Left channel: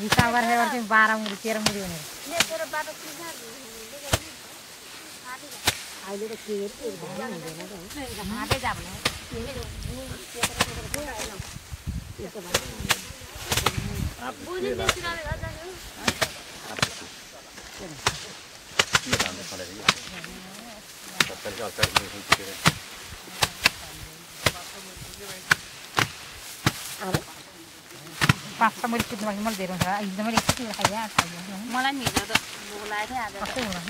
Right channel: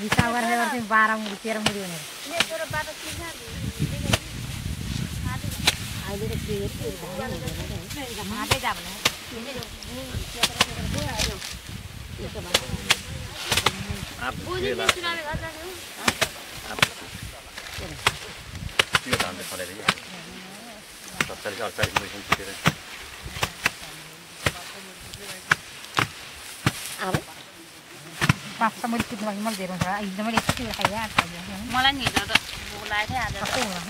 हिसाब गरेर चाहिँ 12 मुरी 13 मुरी भनेर अहिले त के पाँच मुरी कुद्नु मलाई धेरै हुन्छ एकदमै एकचोटि खाइया मलाई नि हिजो त भोक लाग्यो आज कस्तो होला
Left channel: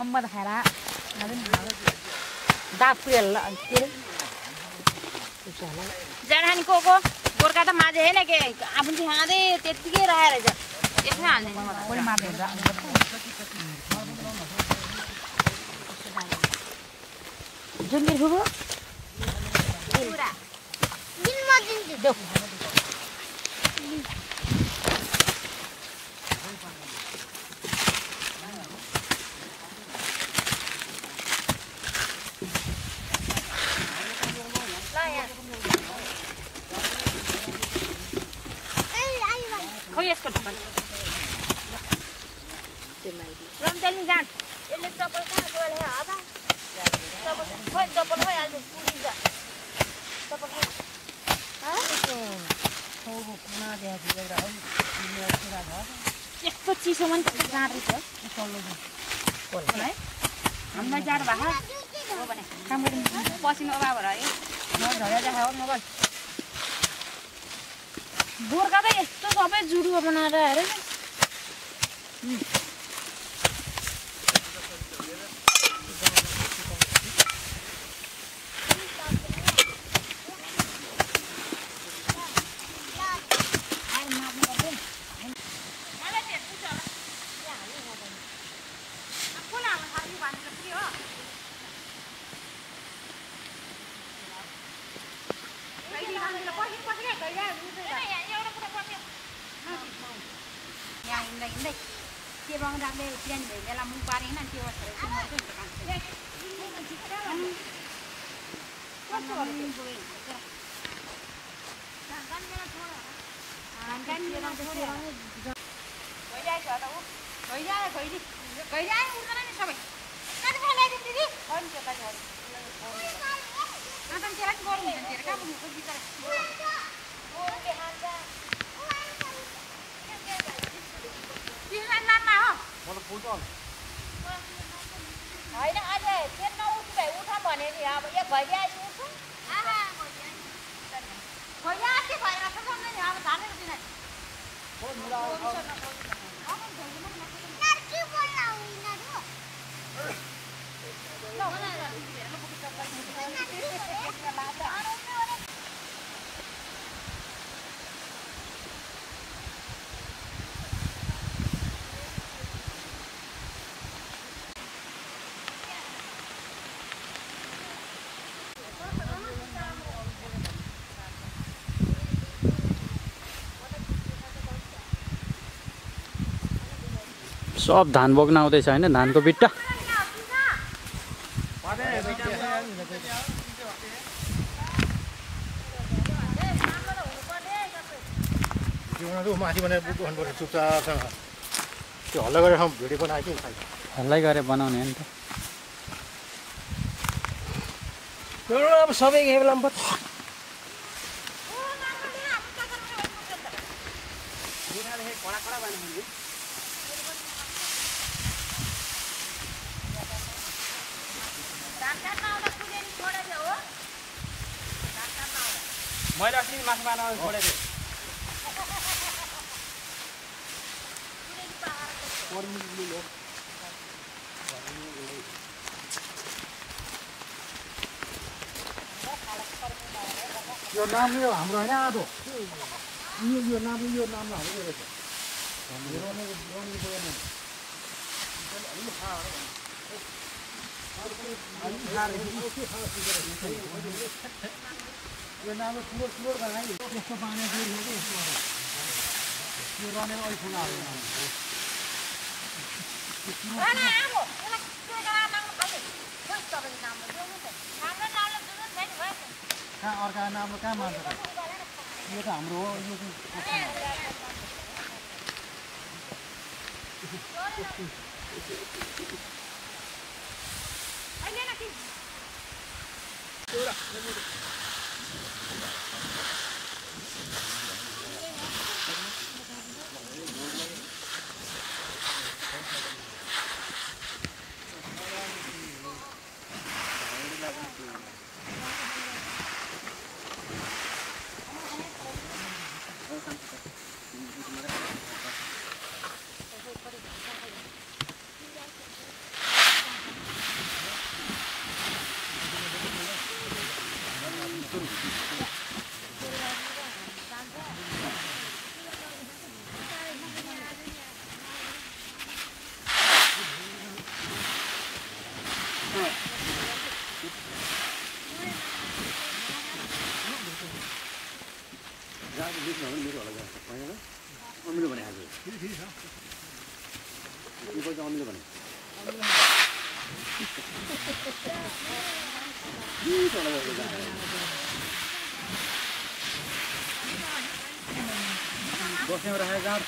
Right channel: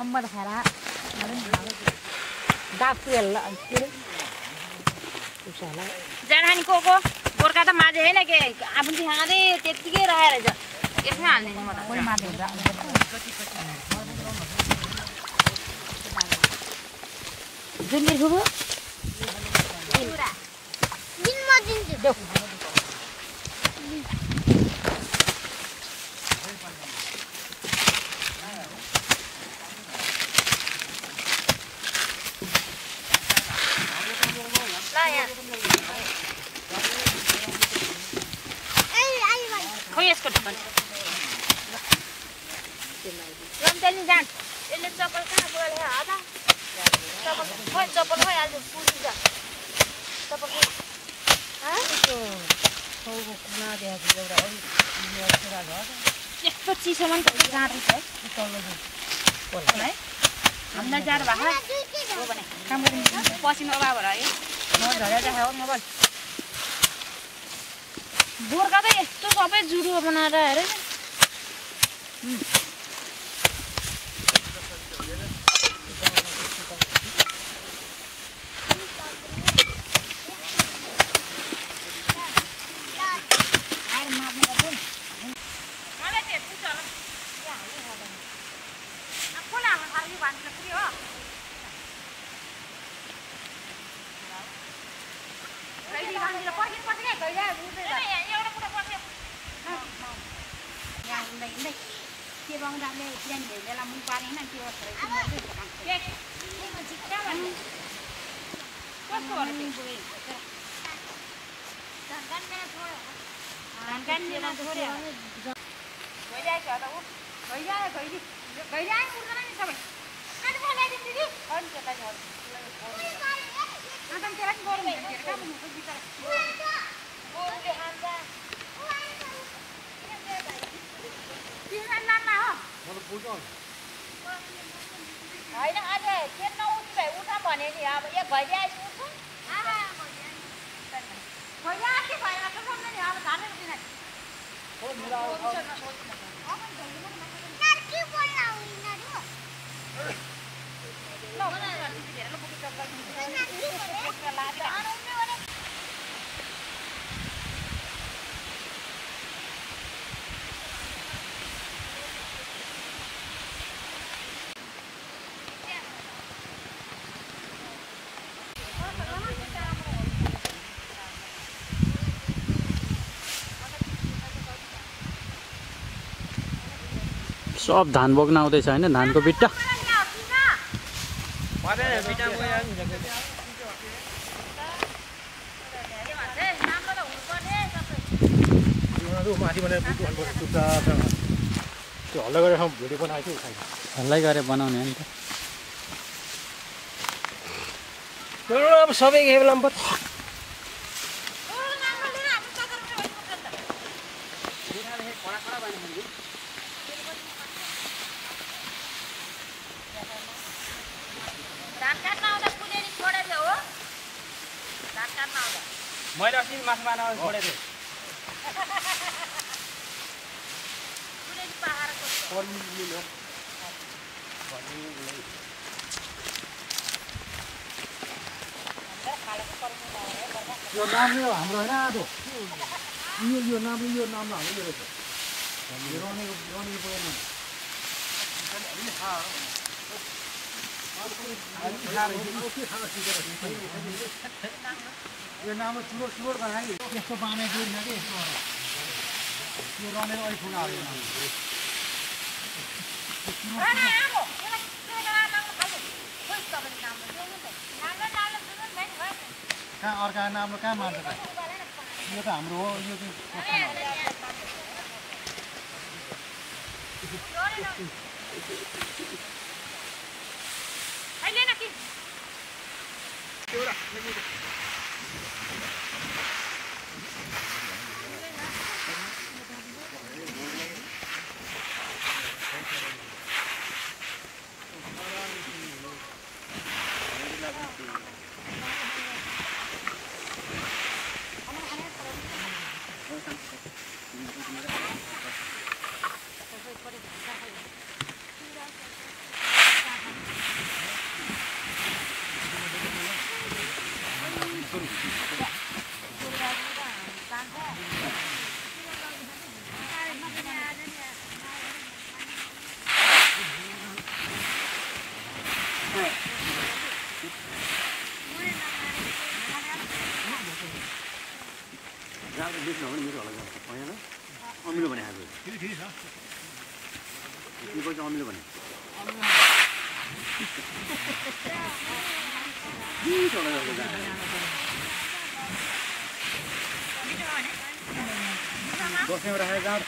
अम्बा त खाएर जानी को गोर्खा त माझे होइन के आफू खाँदै त्यतिकै रहेर रहेछ यसमै हाल्ने कोही माथि हुन्छ जुम्बिर फुपू यसको ढक्कन रम्तेली जान यसले चप्पल कहाँ गयो हाता चप्पल खै आज पुरिन्छ चप्पल खै यस्तो चिसोमा नि गाड्दै छ है हामीलाई जाडो भएको हो भने काम गरिन्छ पसिनो अभाव रह्यो झऱ्या देखायो मोबाइल गोर्खा त यस्तो सबै जुडुवा बनाएर हेर होइन आज के नउठ भाइ उठ भने नि अब एक भइले आइसु उठ सब धान बोक्न आउँदैछ हैन धानको बिट्टा हल्लै गरेर बनाउने नि त अब सबै बेलामा मैले अस्ति मासु बनाएर छोडेको यो नाम यो हाम्रो हैन आदो यो नाम हाम्रो रहेछ यो नाम चुरोट बनायो यस्तो बनाइदिनु नि यो रनेर अहिले फुल हाल्यो कहाँ अर्का नामले कहाँ मान्छ यो त हाम्रो हो यो चाहिँ अमिलो भने आज ठिक छ तिम्रो अमिलो भने बस्नेमा राखेर जाँड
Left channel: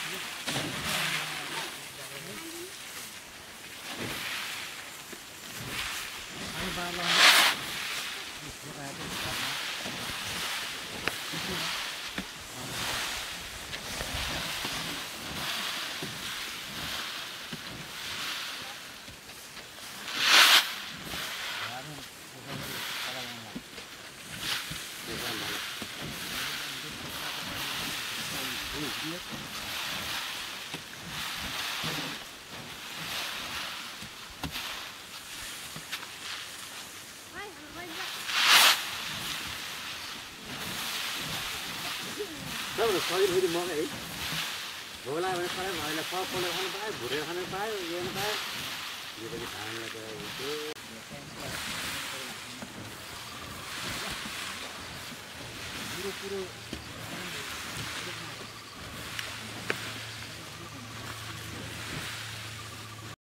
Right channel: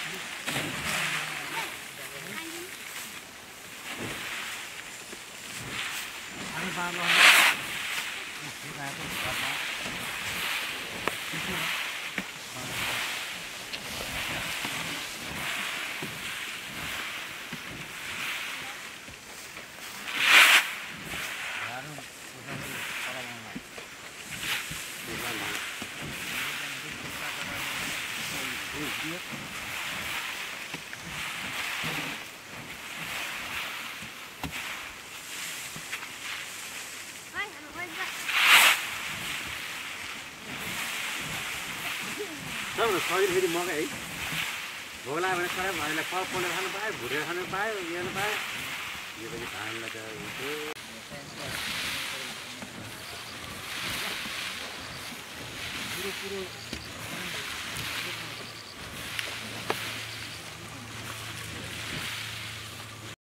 शरीर फेरि मकै है भोला भने खाना भाइलाई पकाउन खानु पायो भुरेर खानु पायो हेर्नु पायो यो पनि खान लगाएर पुरो